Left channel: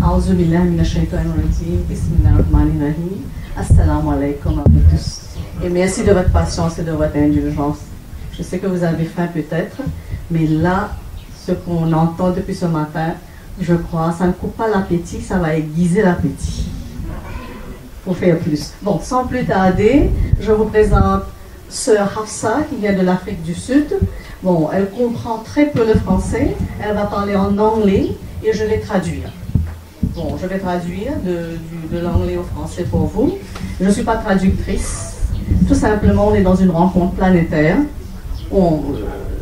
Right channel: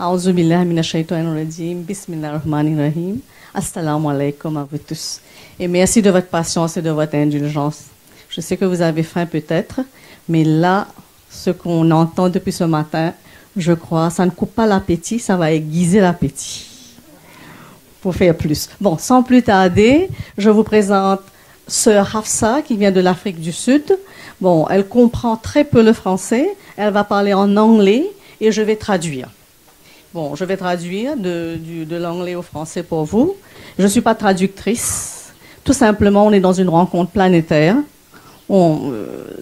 A'udhu billahi minash shaitanir rajim. Bismillahirrahmanirrahim. Assalamu alaikum à vous tous. Et merci de votre patience et de votre indulgence. Je sais que vous avez faim peut-être, mais là, ce qu'on entend depuis ce matin, je crois, ça ne coupe pas l'appétit, ça va aiguiser l'appétit. Pour faire plus. Bon, sans plus tarder, je vous présente Sœur Hafsa qui vient de l'Afrique du Sud. Bon, elle comprend très peu le français, elle va parler en anglais et je vais traduire. Bon, je vais traduire de l'anglais au français pour vous. Je ne suis pas traductrice. Tout simplement, on est dans une rencontre planétaire.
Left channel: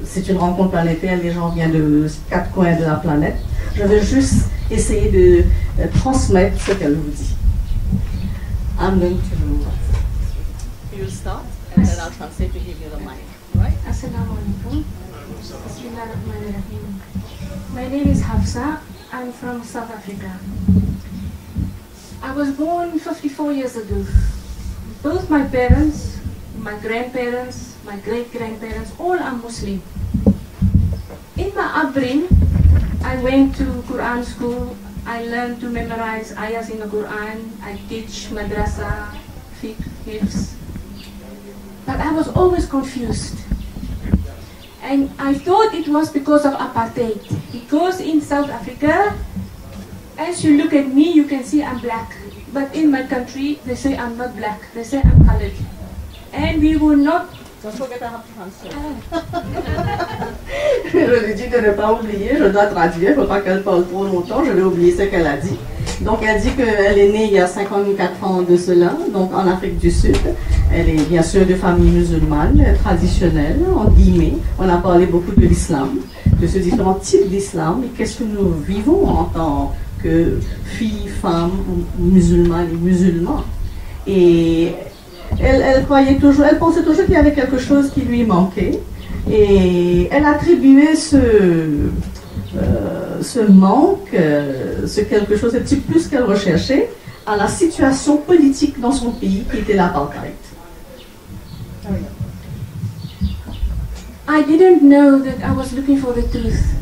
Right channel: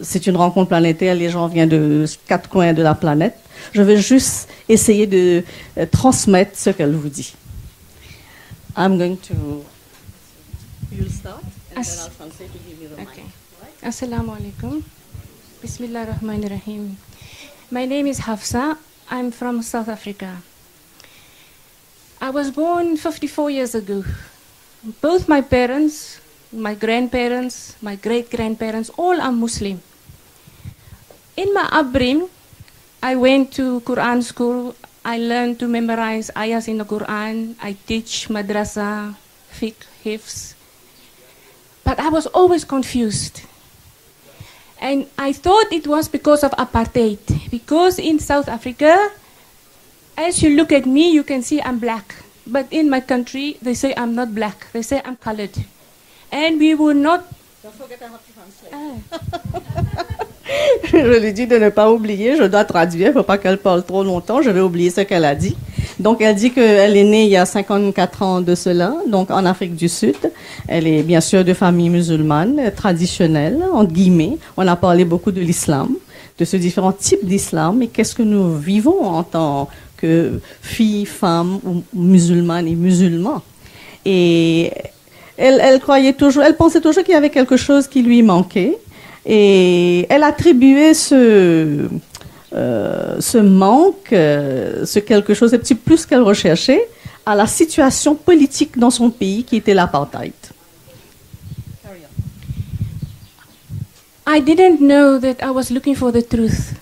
C'est une rencontre planétaire, les gens viennent de 4 coins de la planète. Je vais juste essayer de transmettre ce qu'elle vous dit. I'm going to... You'll start, and then I'll translate to give you the mic. Right? Assalamu alaikum. Bismillahirrahmanirrahim. My name is Hafsa. I'm from South Africa. I was born 54 years ago. Both my parents, my grandparents, my great-grandparents, all are Muslim. In my upbringing, I went to Quran school. I learned to memorize ayahs in the Quran. I teach madrasa, fiqh, hifz. But I was always confused. And I thought it was because of apartheid. Because in South Africa, as you look at me, you can see I'm black. But in my country, they say I'm not black. They say I'm colored. And we were not... Je lui ai dit de ne pas oublier, je dois traduire, il ne faut pas qu'elle parle trop longtemps, je vais oublier ce qu'elle a dit. Donc elle dit qu'elle est née il y a 54 ans de cela, donc en Afrique du Sud. Elle est bien sûr de famille musulmane, traditionnelle, entre guillemets. On a parlé beaucoup de l'islam, de ce différents types d'islam et qu'est-ce que nous vivons en tant que filles, femmes, musulmanes et musulmans. Et elle croyait toujours, elle pensait toujours qu'il y avait quelque chose qui lui manquait. Et elle attribuait ce manque, ce quelque chose, ce petit plus qu'elle recherchait, à la situation politique dans son pays qui était l'apartheid. I didn't know that I was looking for the truth.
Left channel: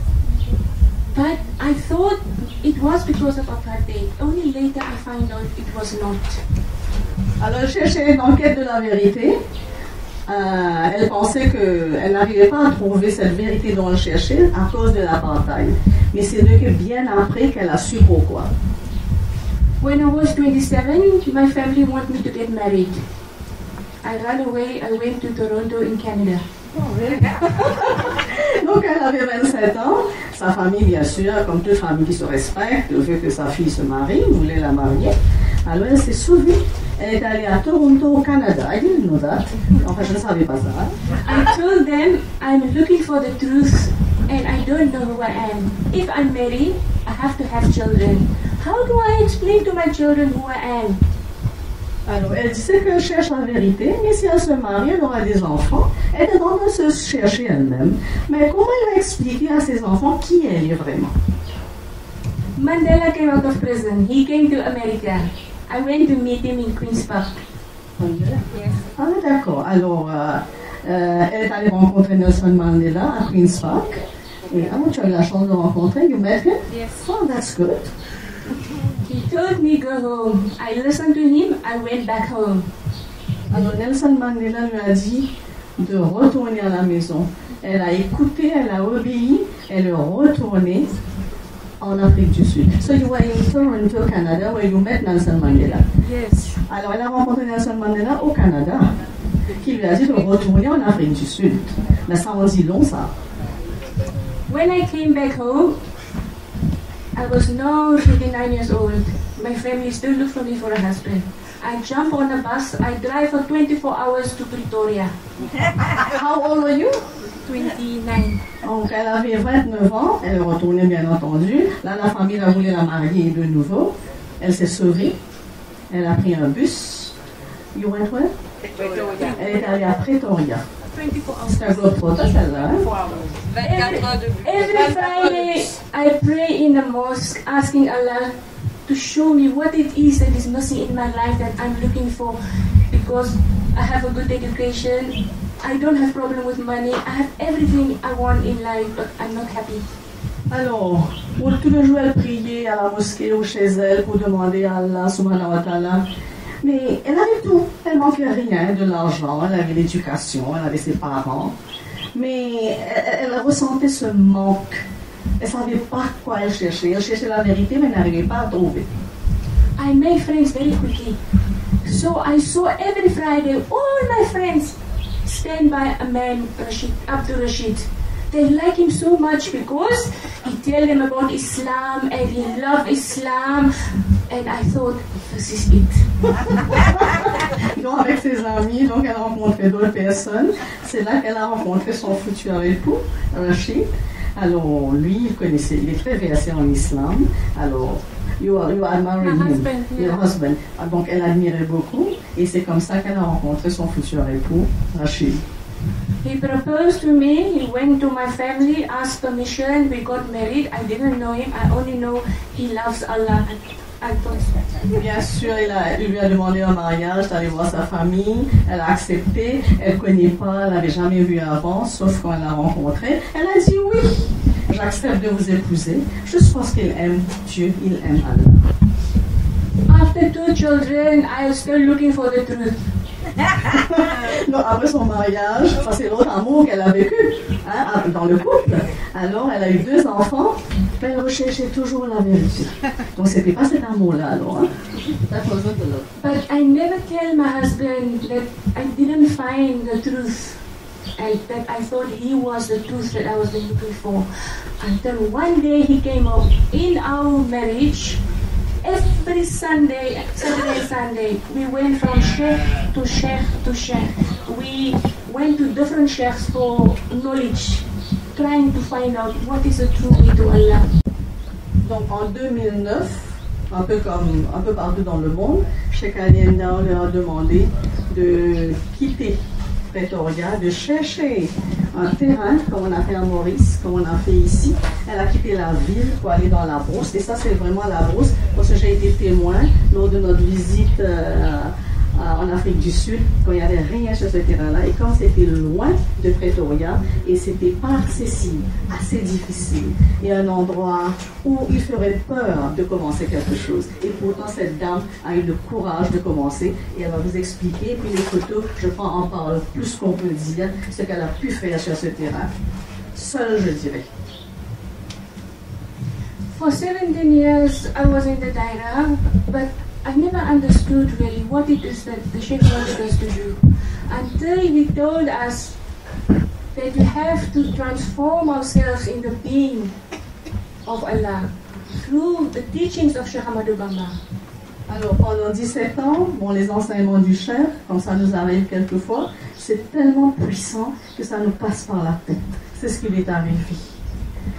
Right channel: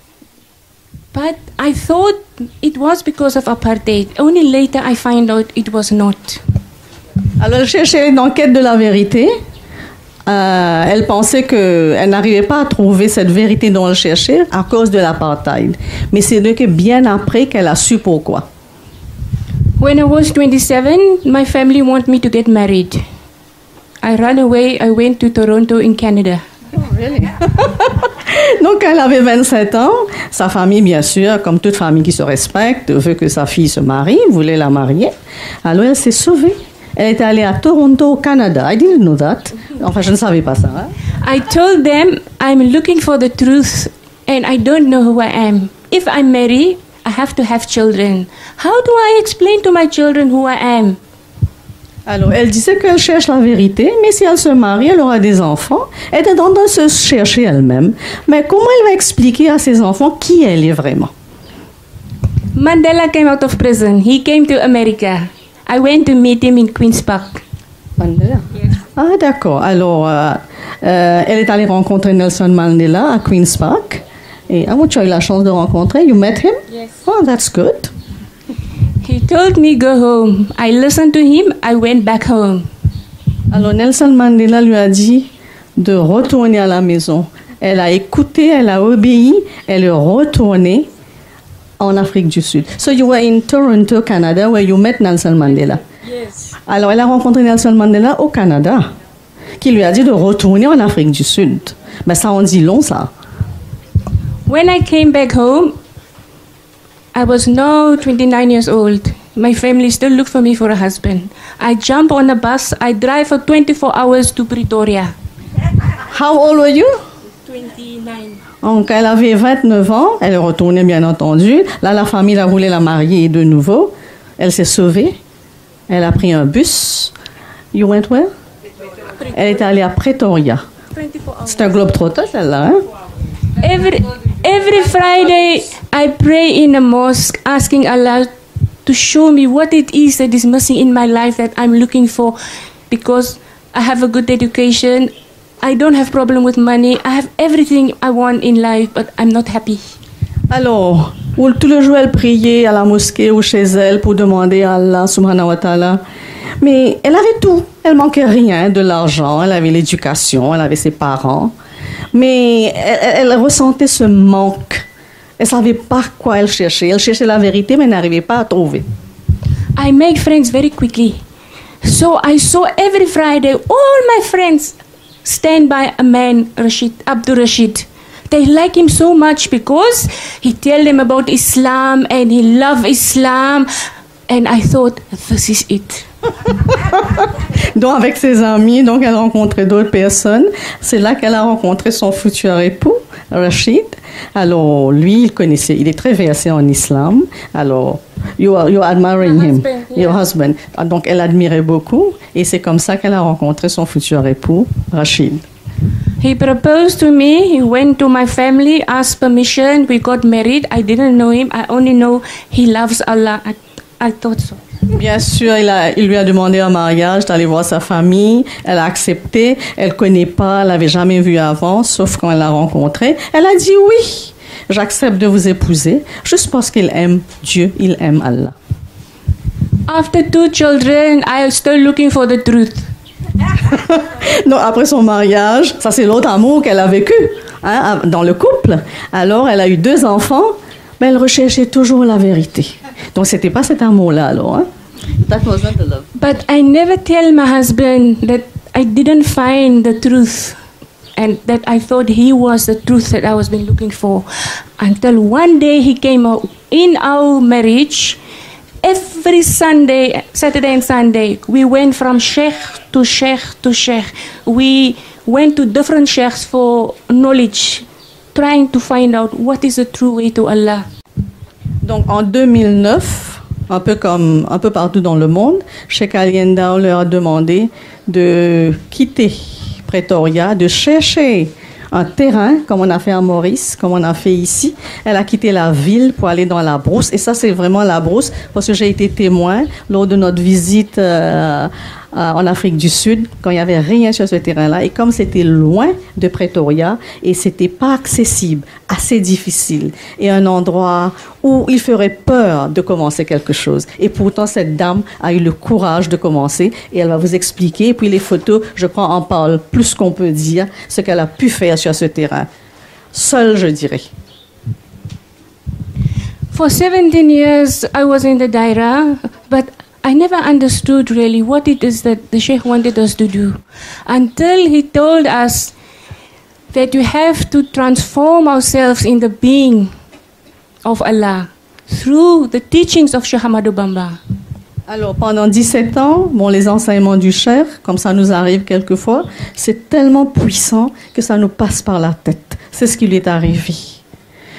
But I thought it was because of apartheid. Only later I find out it was not. Alors elle cherchait une enquête de la vérité. Elle pensait qu'elle n'arrivait pas à trouver cette vérité dont elle cherchait à cause de l'apartheid. Mais c'est que bien après qu'elle a su pourquoi. When I was 27, my family wanted me to get married. I ran away, I went to Toronto in Canada. Oh, really? Donc elle avait 27 ans, sa famille bien sûr, comme toute famille qui se respecte, veut que sa fille se marie, voulait la marier. Alors elle s'est sauvée. Elle est allée à Toronto, au Canada. I didn't know that. Enfin, je ne savais pas ça. Hein? I told them I'm looking for the truth and I don't know who I am. If I marry, I have to have children. How do I explain to my children who I am? Alors, elle disait qu'elle cherche la vérité, mais si elle se marie, elle aura des enfants. Elle est en train de se chercher elle-même. Mais comment elle va expliquer à ses enfants qui elle est vraiment? Mandela came out of prison. He came to America. I went to meet him in Queen's Park. Mandela? Yes. Ah, d'accord. Alors, elle est allée rencontrer Nelson Mandela à Queen's Park. Et tu as eu la chance de rencontrer. You met him? Yes. Oh, that's good. He told me go home. I listened to him. I went back home. Alors, Nelson Mandela lui a dit de retourner à la maison. Elle a écouté, elle a obéi, elle est retournée en Afrique du Sud. So you were in Toronto, Canada, where you met Nelson Mandela. Yes. Alors, elle a rencontré Nelson Mandela au Canada, qui lui a dit de retourner en Afrique du Sud. Ben, ça en dit long, ça. When I came back home, I was now 29 years old. My family still looked for me for a husband. I jump on a bus. I drive for 24 hours to Pretoria. How old were you? 29. Donc, elle avait 29 ans. Elle est retournée, bien entendu. Là, la famille a voulu la marier de nouveau. Elle s'est sauvée. Elle a pris un bus. You went where? Elle est allée à Pretoria. C'est un globe-trotter, celle-là, hein? Every Friday, I pray in a mosque, asking Allah to show me what it is that is missing in my life that I'm looking for, because I have a good education, I don't have problem with money, I have everything I want in life, but I'm not happy. Alors, tout le jour, elle priait à la mosquée ou chez elle pour demander à Allah subhanahu wa ta'ala. Mais elle avait tout. Elle manquait rien, de l'argent, elle avait l'éducation, elle avait ses parents. Mais elle ressentait ce manque. Elle ne savait pas quoi elle cherchait. Elle cherchait la vérité, mais n'arrivait pas à trouver. I make friends very quickly. So I saw every Friday all my friends stand by a man, Abdul Rashid. They like him so much because he tell them about Islam and he love Islam. And I thought, this is it. Donc avec ses amis, donc elle rencontrait d'autres personnes. C'est là qu'elle a rencontré son futur époux, Rashid. Alors lui, il est très versé en islam. Alors you're admiring him, your husband. Donc elle admirait beaucoup et c'est comme ça qu'elle a rencontré son futur époux, Rashid. He proposed to me, he went to my family, asked permission, we got married. I didn't know him, I only know he loves Allah. I thought so. Bien sûr, il lui a demandé un mariage, d'aller voir sa famille. Elle a accepté. Elle ne connaît pas, elle n'avait jamais vu avant, sauf quand elle l'a rencontré. Elle a dit oui, j'accepte de vous épouser, juste parce qu'il aime Dieu, il aime Allah. After 2 children, I am still looking for the truth. Donc après son mariage, ça c'est l'autre amour qu'elle a vécu dans le couple. Alors elle a eu 2 enfants, mais elle recherchait toujours la vérité. Donc c'était pas cet amour-là alors. That wasn't the love. But I never tell my husband that I didn't find the truth and that I thought he was the truth that I was been looking for. Until one day he came out in our marriage. Every Sunday, Saturday and Sunday, we went from sheikh to sheikh to sheikh. We went to different sheikhs for knowledge, trying to find out what is the true way to Allah. Donc en 2009, un peu partout dans le monde, Cheikh Ali Ndao leur a demandé de quitter Pretoria, de chercher un terrain, comme on a fait à Maurice, comme on a fait ici. Elle a quitté la ville pour aller dans la brousse. Et ça, c'est vraiment la brousse, parce que j'ai été témoin lors de notre visite en Afrique du Sud, quand il n'y avait rien sur ce terrain-là. Et comme c'était loin de Pretoria, et c'était pas accessible, assez difficile, et un endroit où il ferait peur de commencer quelque chose. Et pourtant, cette dame a eu le courage de commencer, et elle va vous expliquer. Et puis les photos, je crois, en parlent plus qu'on peut dire, ce qu'elle a pu faire sur ce terrain. Seule, je dirais. For 17 years, I was in the Daira, but I never understood really what it is that the Sheikh wanted us to do until he told us that you have to transform ourselves in the being of Allah through the teachings of Sheikh Ahmadou Bamba. Alors, pendant 17 ans, les enseignements du Cheikh, comme ça nous arrive quelquefois, c'est tellement puissant que ça nous passe par la tête. C'est ce qui lui est arrivé.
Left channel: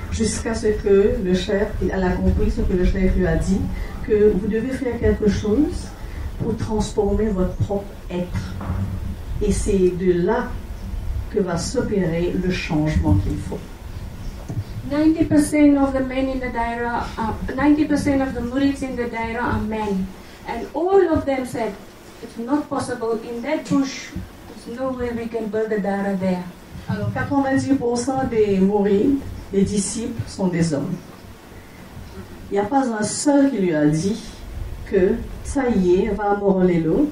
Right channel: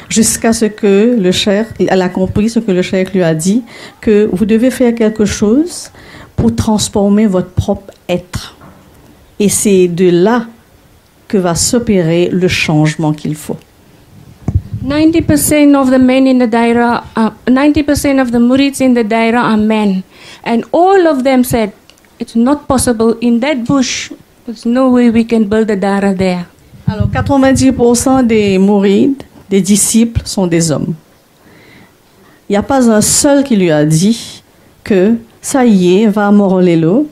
Jusqu'à ce que le Cheikh, elle a compris ce que le Cheikh lui a dit, que vous devez faire quelque chose pour transformer votre propre être. Et c'est de là que va s'opérer le changement qu'il faut. 90% of the men in the Daira, 90% of the Murids in the Daira are men. And all of them said, it's not possible in that bush, there's no way we can build a Daira there. Alors, 90% des Mourides, des disciples, sont des hommes. Il n'y a pas un seul qui lui a dit que ça y est, va à Morolelo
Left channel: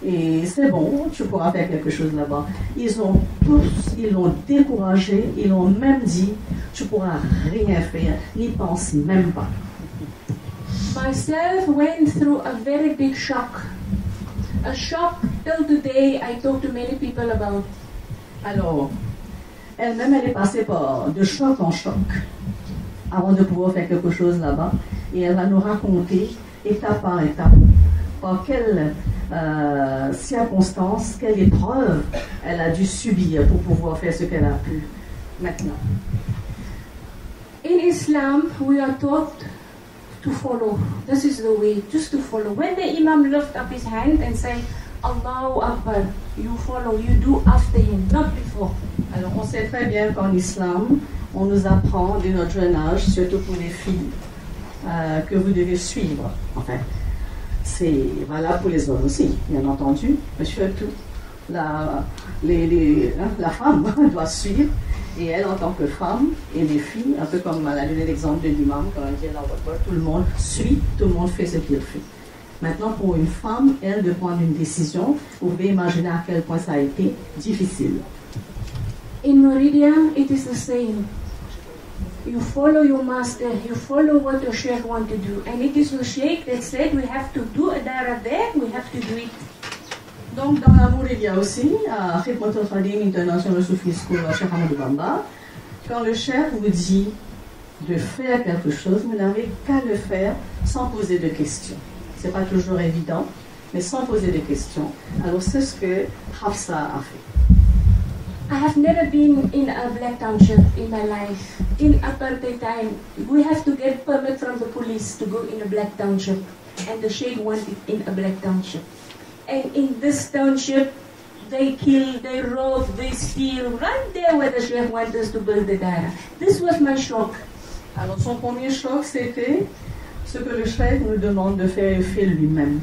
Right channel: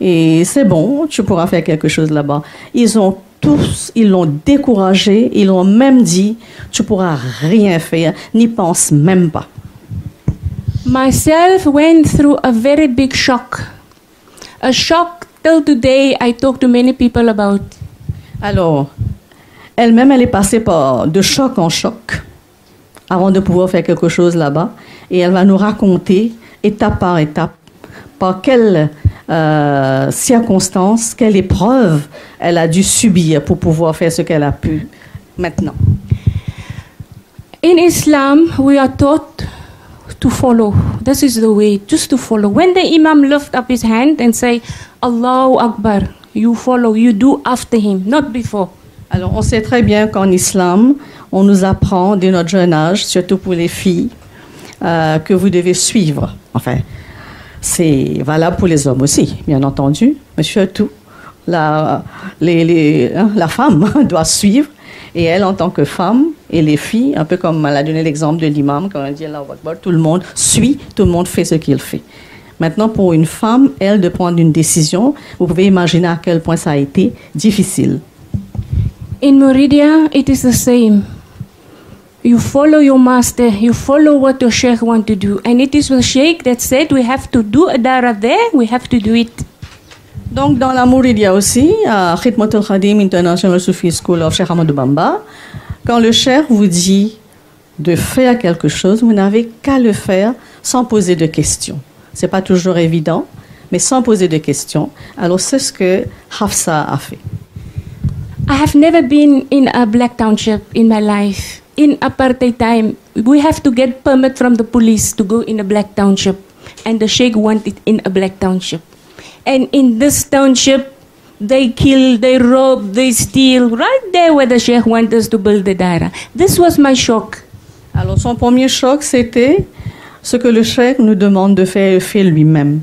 et c'est bon, tu pourras faire quelque chose là-bas. Ils l'ont découragé, ils l'ont même dit, tu pourras rien faire, n'y pense même pas. Myself went through a very big shock. A shock till today I talk to many people about. Alors, elle-même, elle est passée de choc en choc avant de pouvoir faire quelque chose là-bas. Et elle va nous raconter, étape par étape, par quelles circonstances, quelle épreuve elle a dû subir pour pouvoir faire ce qu'elle a pu maintenant. In Islam, we are taught to follow. This is the way, just to follow. When the Imam lift up his hand and say, Allahu Akbar, you follow, you do after him, not before. Alors, on sait très bien qu'en islam, on nous apprend dès notre jeune âge, surtout pour les filles, que vous devez suivre. Enfin, c'est valable pour les hommes aussi, bien entendu, mais surtout la femme doit suivre. Et elle, en tant que femme, et les filles, un peu comme elle a donné l'exemple de l'imam, quand on dit Allah Akbar, tout le monde suit, tout le monde fait ce qu'il fait. Maintenant, pour une femme, elle, de prendre une décision, vous pouvez imaginer à quel point ça a été difficile. In Muridia, it is the same. You follow your master, you follow what your sheikh want to do. And it is the sheikh that said we have to do a dara there, we have to do it. Donc, dans la Mouridia aussi, à Khidmat al-Khadim International Sufi School of Cheikh Ahmadou Bamba, quand le cheikh vous dit de faire quelque chose, vous n'avez qu'à le faire sans poser de questions. Ce n'est pas toujours évident, mais sans poser de questions. Alors, c'est ce que Hafsa a fait. I have never been in a black township in my life. In apartheid time, we have to get permit from the police to go in a black township. And the sheikh wanted in a black township. And in this township, they kill, they rob, they steal, right there where the sheikh wants us to build the dara. This was my shock. Alors, son premier choc, c'était ce que le cheikh nous demande de faire, il fait lui-même.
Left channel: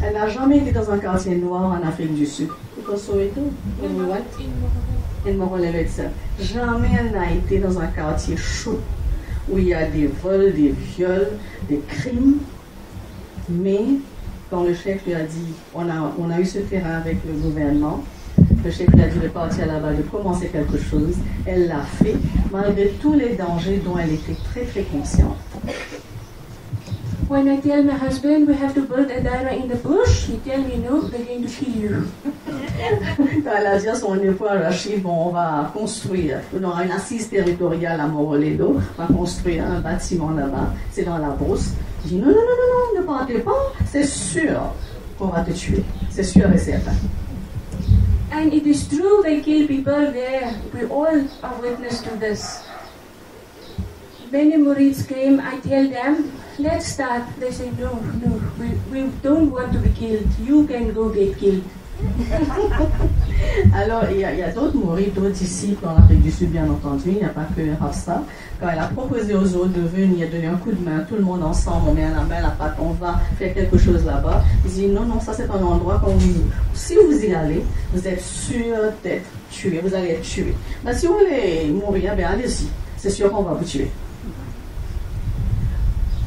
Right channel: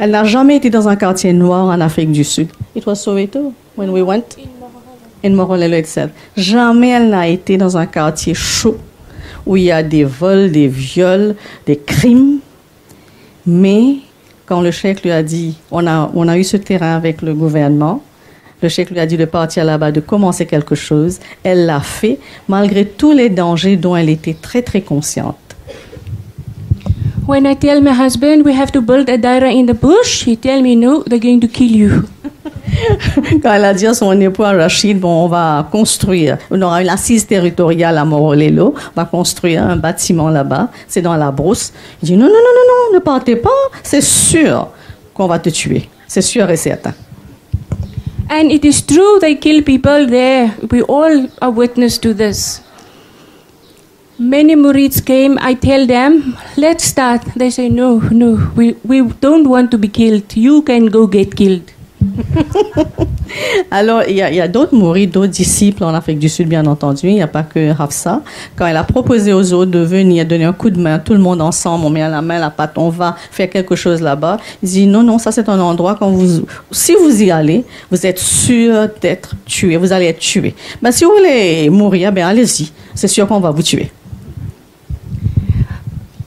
Elle n'a jamais été dans un quartier noir en Afrique du Sud. It was Soweto when we went in Morolelo, etc. Jamais elle n'a été dans un quartier chaud où il y a des vols, des viols, des crimes. Mais quand le cheikh lui a dit, on a eu ce terrain avec le gouvernement, le cheikh lui a dit de partir là-bas, de commencer quelque chose. Elle l'a fait malgré tous les dangers dont elle était très très consciente. When I tell my husband we have to build a dara in the bush, he tell me no, they're going to kill you. Quand elle a dit à son époux Rachid, bon, on va construire, on aura une assise territoriale à Morolelo, on va construire un bâtiment là-bas, c'est dans la brousse. Il dit non, non, non, non, non, ne partez pas, c'est sûr qu'on va te tuer, c'est sûr et certain. And it is true, they kill people there. We all are witness to this. Many Murids came, I tell them, let's start. They say, no, no, we don't want to be killed. You can go get killed. Alors, il y a d'autres mourides, d'autres disciples en Afrique du Sud, bien entendu. Il n'y a pas que Hafsa. Quand elle a proposé aux autres de venir donner un coup de main, tout le monde ensemble, on met la main à la pâte, on va faire quelque chose là-bas. Il dit non, non, ça c'est un endroit, si vous y allez, vous êtes sûr d'être tué, vous allez être tué. Mais si vous voulez mourir, bien allez-y. C'est sûr qu'on va vous tuer.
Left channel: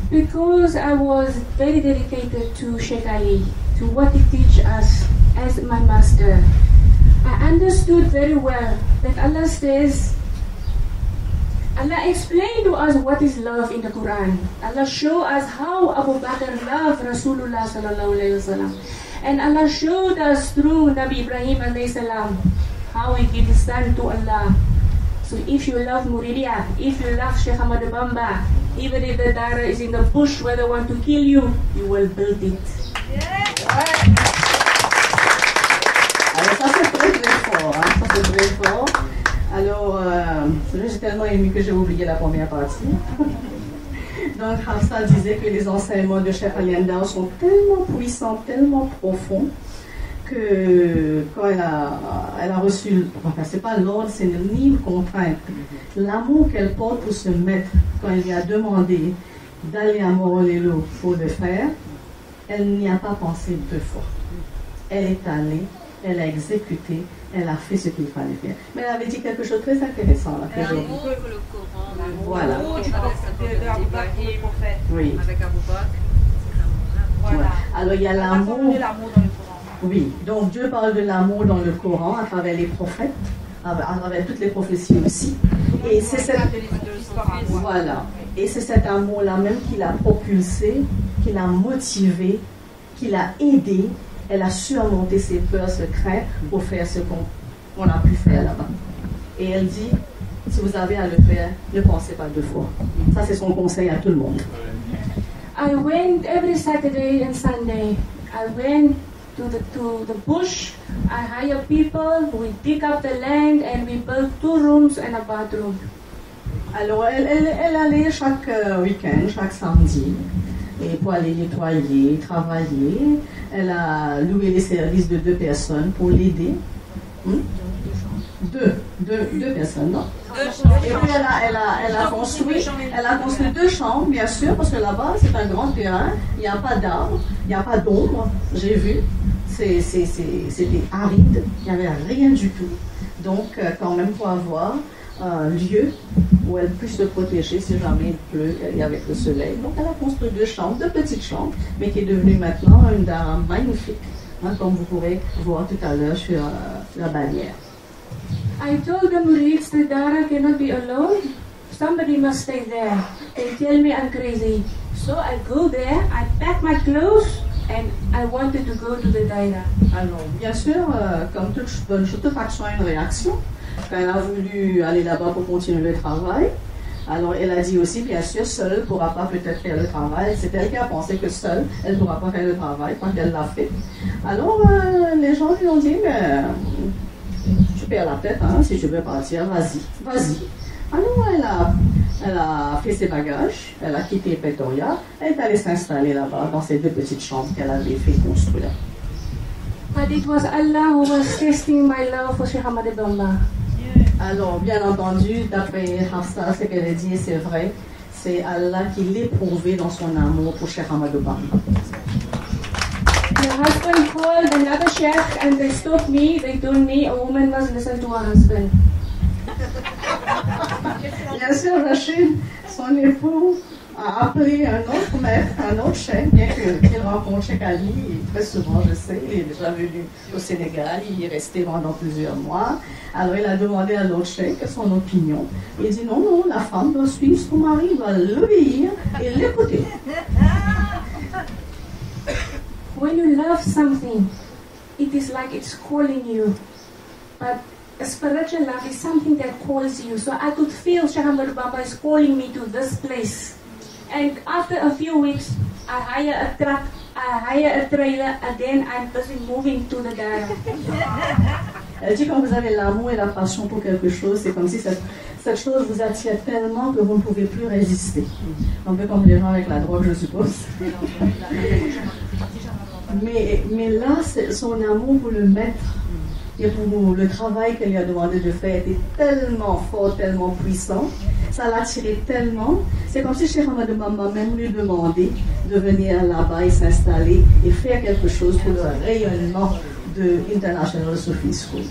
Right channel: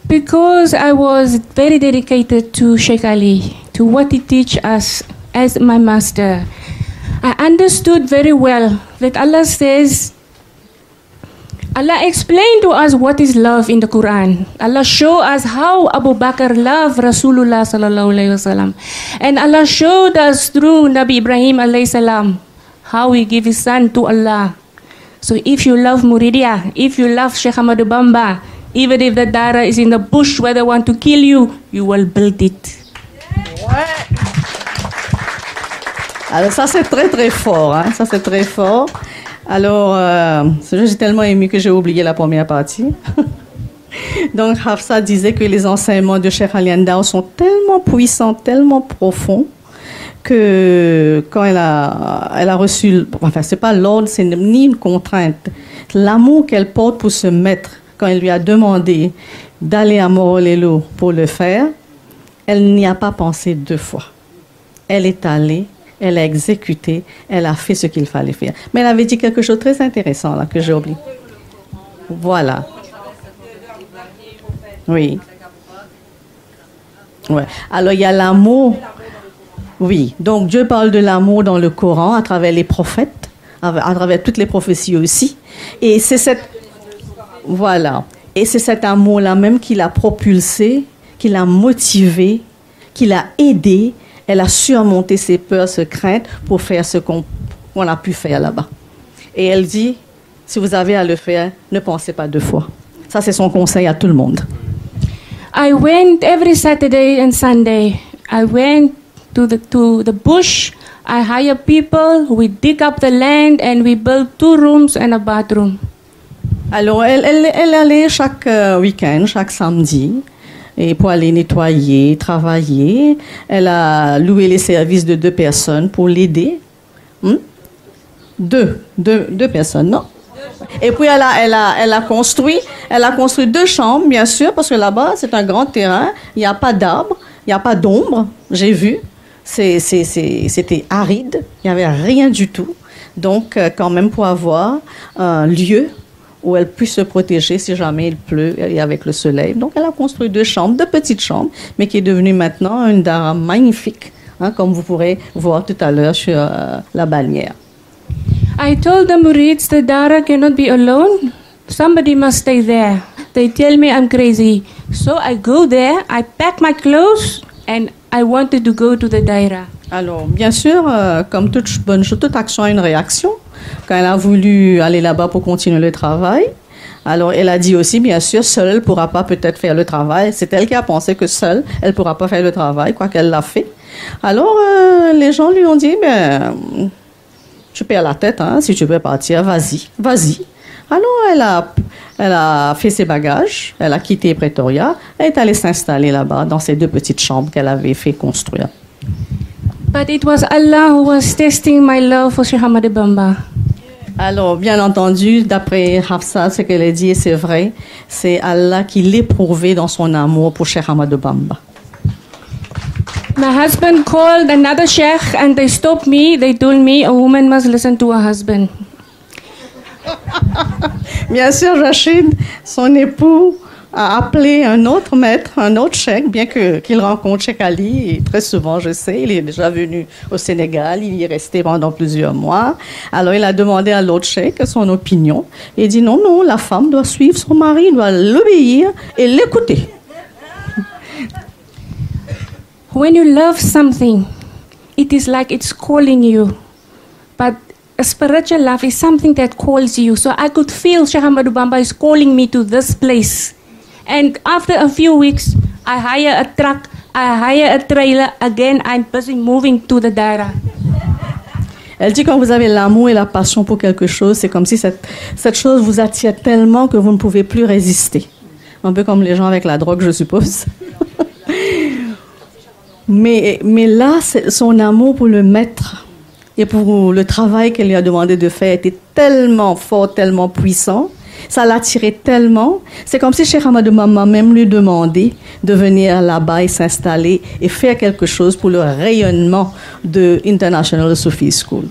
Because I was very dedicated to Sheikh Ali, to what he teach us as my master, I understood very well that Allah says, Allah explained to us what is love in the Quran. Allah show us how Abu Bakr loved Rasulullah sallallahu alaihi wasallam, and Allah showed us through Nabi Ibrahim alayhi salam how he gave his son to Allah. So if you love Muridia, if you love Sheikh Ahmadou Bamba, even if the dara is in the bush where they want to kill you, you will build it. Alors ça c'est très très fort, hein? Ça c'est très fort. Alors, j'ai tellement aimé que j'ai oublié la première partie. Donc Hafsa disait que les enseignements de Cheikh Ali Ndao sont tellement puissants, tellement profonds, que quand elle a reçu, enfin c'est pas l'ordre, c'est ni une contrainte, l'amour qu'elle porte pour se mettre, quand elle lui a demandé d'aller à Morolelo pour le faire, elle n'y a pas pensé deux fois. Elle est allée, elle a exécuté, elle a fait ce qu'il fallait faire. Mais elle avait dit quelque chose de très intéressant là, que j'ai oublié. Voilà. Oui. Ouais. Alors il y a l'amour. Oui. Donc Dieu parle de l'amour dans le Coran à travers les prophètes, à travers toutes les prophéties aussi. Et c'est cette. Voilà. Et c'est cet amour-là même qui l'a propulsée, qui l'a motivée, qui l'a aidée. Elle a surmonté ses peurs, ses craintes pour faire ce qu'on a pu faire là-bas. Et elle dit, si vous avez à le faire, ne pensez pas deux fois. Ça, c'est son conseil à tout le monde. I went every Saturday and Sunday. I went to the bush. I hire people. We dig up the land and we build 2 rooms and a bathroom. Alors, elle allait chaque week-end, chaque samedi. Et pour aller nettoyer, travailler, elle a loué les services de 2 personnes pour l'aider. Deux personnes, non? Et puis elle a construit 2 chambres, bien sûr, parce que là-bas c'est un grand terrain, il n'y a pas d'arbres, il n'y a pas d'ombre, j'ai vu. c'était aride, il n'y avait rien du tout. Donc, quand même, pour avoir un lieu où elle puisse se protéger si jamais il pleut et avec le soleil. Donc, elle a construit 2 chambres, 2 petites chambres, mais qui est devenue maintenant une dara magnifique, hein, comme vous pourrez voir tout à l'heure sur la bannière. I told the Murids the Dara cannot be alone. Somebody must stay there. They tell me I'm crazy. So I go there, I pack my clothes, and I wanted to go to the Daira. Alors, bien sûr, comme toute bonne chose, toute action a une réaction. Quand elle a voulu aller là-bas pour continuer le travail, alors elle a dit aussi, bien sûr, seule, elle ne pourra pas peut-être faire le travail. C'est elle qui a pensé que seule, elle ne pourra pas faire le travail, quoi qu'elle l'a fait. Alors, les gens lui ont dit, ben, tu perds la tête, hein, si tu veux partir, vas-y, vas-y. Alors, elle a fait ses bagages, elle a quitté Pretoria, elle est allée s'installer là-bas, dans ces 2 petites chambres qu'elle avait fait construire. But it was Allah who was testing my love for Sheikh Ahmadou Bamba. Alors, bien entendu, d'après Hafsa, ce qu'elle a dit, et c'est vrai, c'est Allah qui l'éprouvait dans son amour pour Cheikh Ahmadou Bamba. My husband called another sheikh and they stopped me. They told me a woman must listen to her husband. Bien sûr, Rachid, son époux, a appelé un autre maître, un autre cheikh, bien qu'il rencontre Cheikh Ali, et très souvent, je sais, il est déjà venu au Sénégal, il y est resté pendant plusieurs mois. Alors, il a demandé à l'autre cheikh son opinion. Il dit non, non, la femme doit suivre son mari, doit l'obéir et l'écouter. When you love something, it is like it's calling you. But a spiritual love is something that calls you. So I could feel Sheikh Ahmadou Bamba is calling me to this place. And after a few weeks, I hire a truck, I hire a trailer. Again, I'm busy moving to the Daira. Elle dit quand vous avez l'amour et la passion pour quelque chose, c'est comme si cette chose vous attire tellement que vous ne pouvez plus résister. Un peu comme les gens avec la drogue, je suppose. Mais là, son amour pour le maître et pour le travail qu'elle lui a demandé de faire était tellement fort, tellement puissant. Ça l'attirait tellement. C'est comme si Cheikh Ahmadou Bamba même lui demandait de venir là-bas et s'installer et faire quelque chose pour le rayonnement de International Sufi School.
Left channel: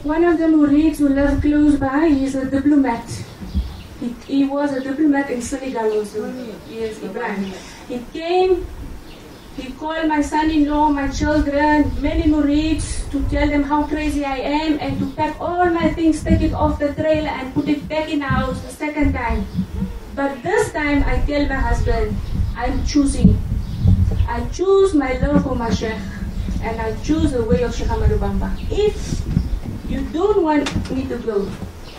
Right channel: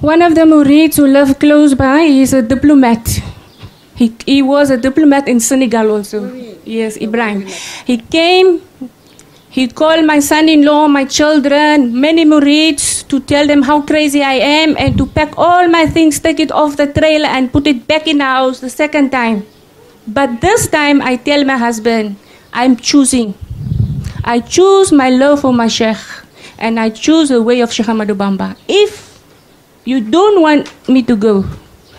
One of the Murids who lived close by is a diplomat. He was a diplomat in Senegal also. Yes, Ibrahim. He came. He called my son-in-law, my children, many Murids to tell them how crazy I am and to pack all my things, take it off the trailer and put it back in the house the second time. But this time I tell my husband, I'm choosing. I choose my love for my Sheikh and I choose the way of Sheikh Ahmadou Bamba. If you don't want me to go,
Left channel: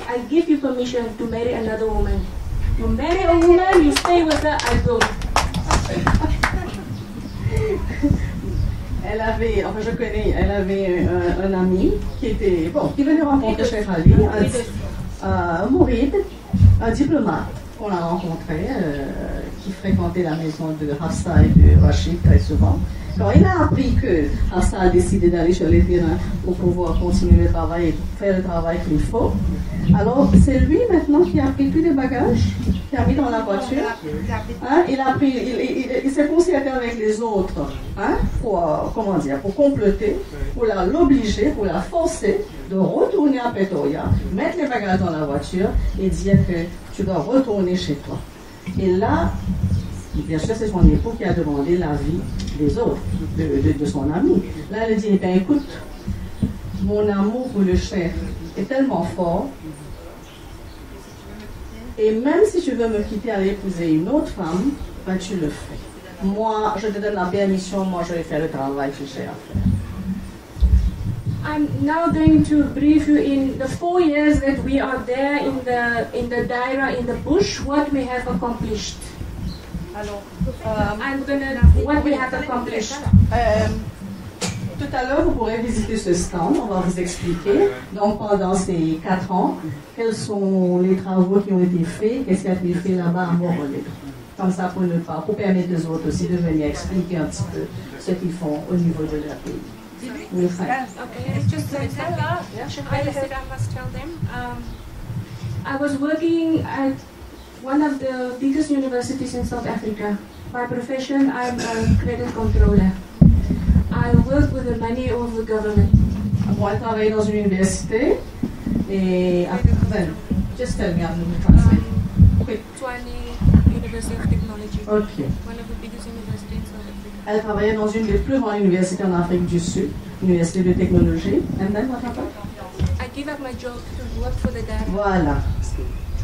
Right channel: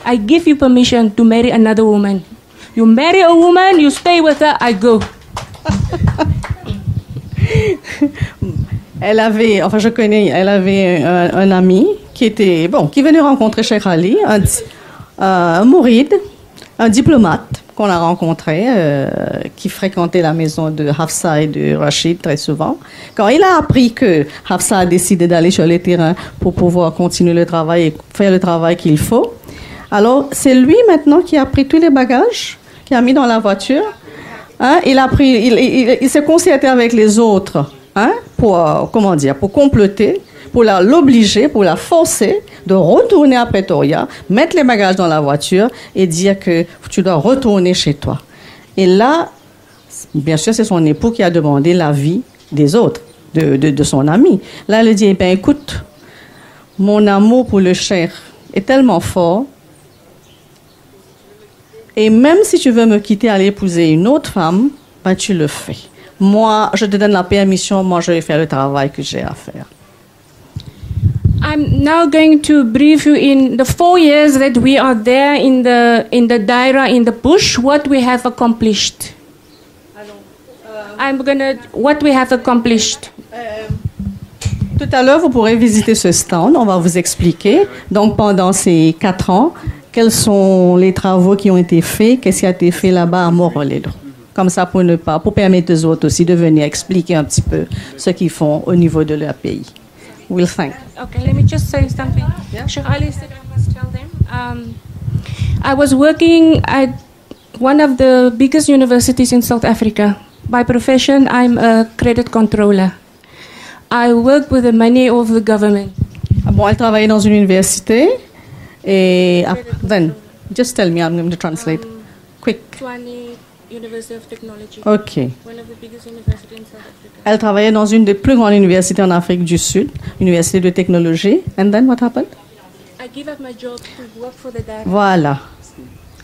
I give you permission to marry another woman. You marry a woman, you stay with her, I go. Elle avait un ami qui venait rencontrer Cheikh Ali, un mouride, un diplomate qu'on a rencontré, qui fréquentait la maison de Hafsa et de Rachid très souvent. Quand il a appris que Hafsa a décidé d'aller sur le terrain pour pouvoir continuer le travail et faire le travail qu'il faut, alors c'est lui maintenant qui a pris tous les bagages, qui a mis dans la voiture. Hein, il s'est concerté avec les autres, hein, pour comploter, pour l'obliger, pour la forcer de retourner à Pretoria, mettre les bagages dans la voiture et dire que tu dois retourner chez toi. Et là, bien sûr, c'est son époux qui a demandé l'avis des autres, de son ami. Là, elle dit, eh bien, écoute, mon amour pour le cheikh est tellement fort. Et même si tu veux me quitter, aller épouser une autre femme, ben tu le fais. Moi, je te donne la permission, moi je vais faire le travail que j'ai à faire. I'm now going to brief you in the 4 years that we are there in the Daira, in the bush, what we have accomplished. What we have accomplished. Tout à l'heure, vous pourrez visiter ce stand, on va vous expliquer. Donc pendant ces 4 ans, quels sont les travaux qui ont été faits, qu'est-ce qui a été fait là-bas à Montréal. Comme ça, pour permettre aux autres aussi de venir expliquer un petit peu ce qu'ils font au niveau de leur pays. We'll thank. Okay, let me just say something. Yeah. Sheikh Ali said I must tell them. I was working at one of the biggest universities in South Africa. By profession, I'm a credit controller. I worked with the money of the government. Bon, elle travaillait dans une université et then just tell me, I'm going to translate. Quick. University of Technology. OK. One of the biggest universities in South Africa. Elle travaillait dans une des plus grandes universités en Afrique du Sud, université de technologie. And then what happened? I gave up my job to work for the dad. Voilà.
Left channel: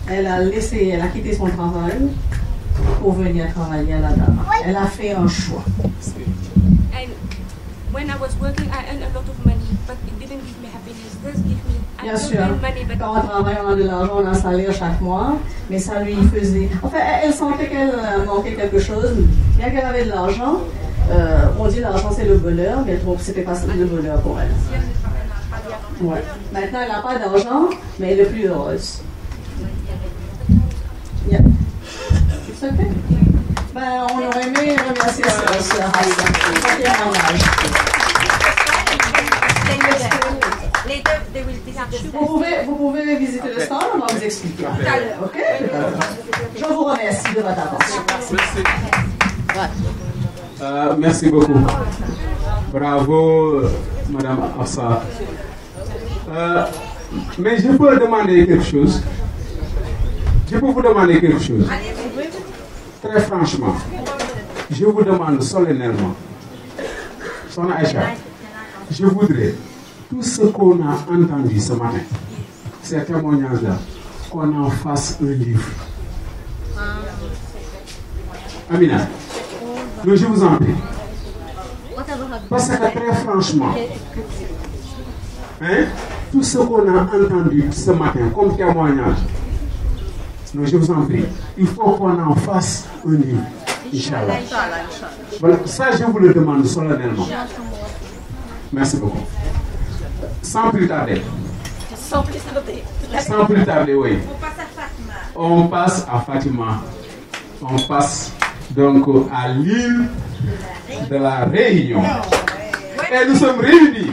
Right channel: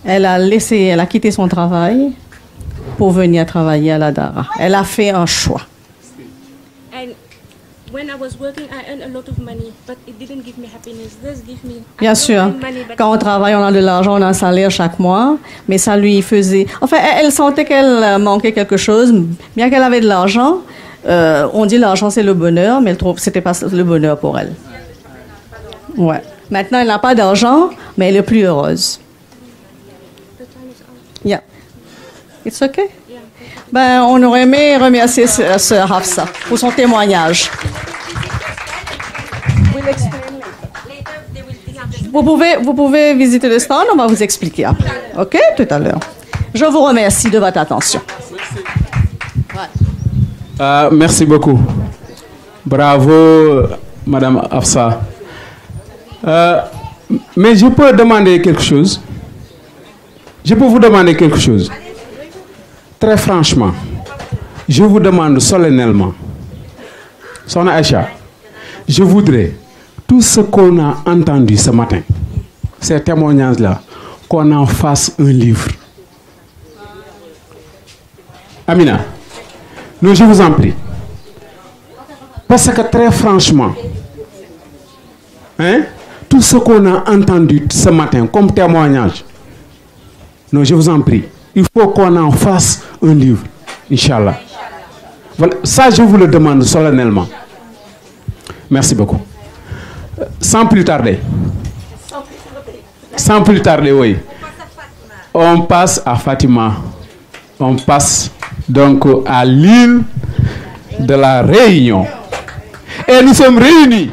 Elle a quitté son travail pour venir travailler à la DARA. Elle a fait un choix. And when I was working, I earned a lot of money, but it didn't give me happiness. This gave me. Bien sûr, quand on travaille, on a de l'argent, on a un salaire chaque mois, mais ça lui faisait... Enfin, elle sentait qu'elle manquait quelque chose, bien qu'elle avait de l'argent. On dit l'argent c'est le bonheur, mais elle trouve que c'était pas le bonheur pour elle. Ouais. Maintenant, elle n'a pas d'argent, mais elle est plus heureuse. Yeah. It's okay. Ben, on aurait aimé remercier Sœur Hafsa pour son témoignage. Vous pouvez visiter le stand, on va vous expliquer après. OK? Tout à l'heure. Je vous remercie de votre attention. Merci beaucoup. Bravo, Madame Hafsa. Mais je peux demander quelque chose? Je peux vous demander quelque chose? Très franchement, je vous demande solennellement, Sona Aïcha, je voudrais tout ce qu'on a entendu ce matin, ces témoignages-là, qu'on en fasse un livre. Amina, nous, je vous en prie. Parce que très franchement, hein, tout ce qu'on a entendu ce matin comme témoignage, non, je vous en prie, il faut qu'on en fasse un livre, Inch'Allah. Voilà, ça je vous le demande solennellement. Merci beaucoup. Sans plus tarder, oui, on passe à Fatima. On passe donc à l'île de la Réunion. Et nous sommes réunis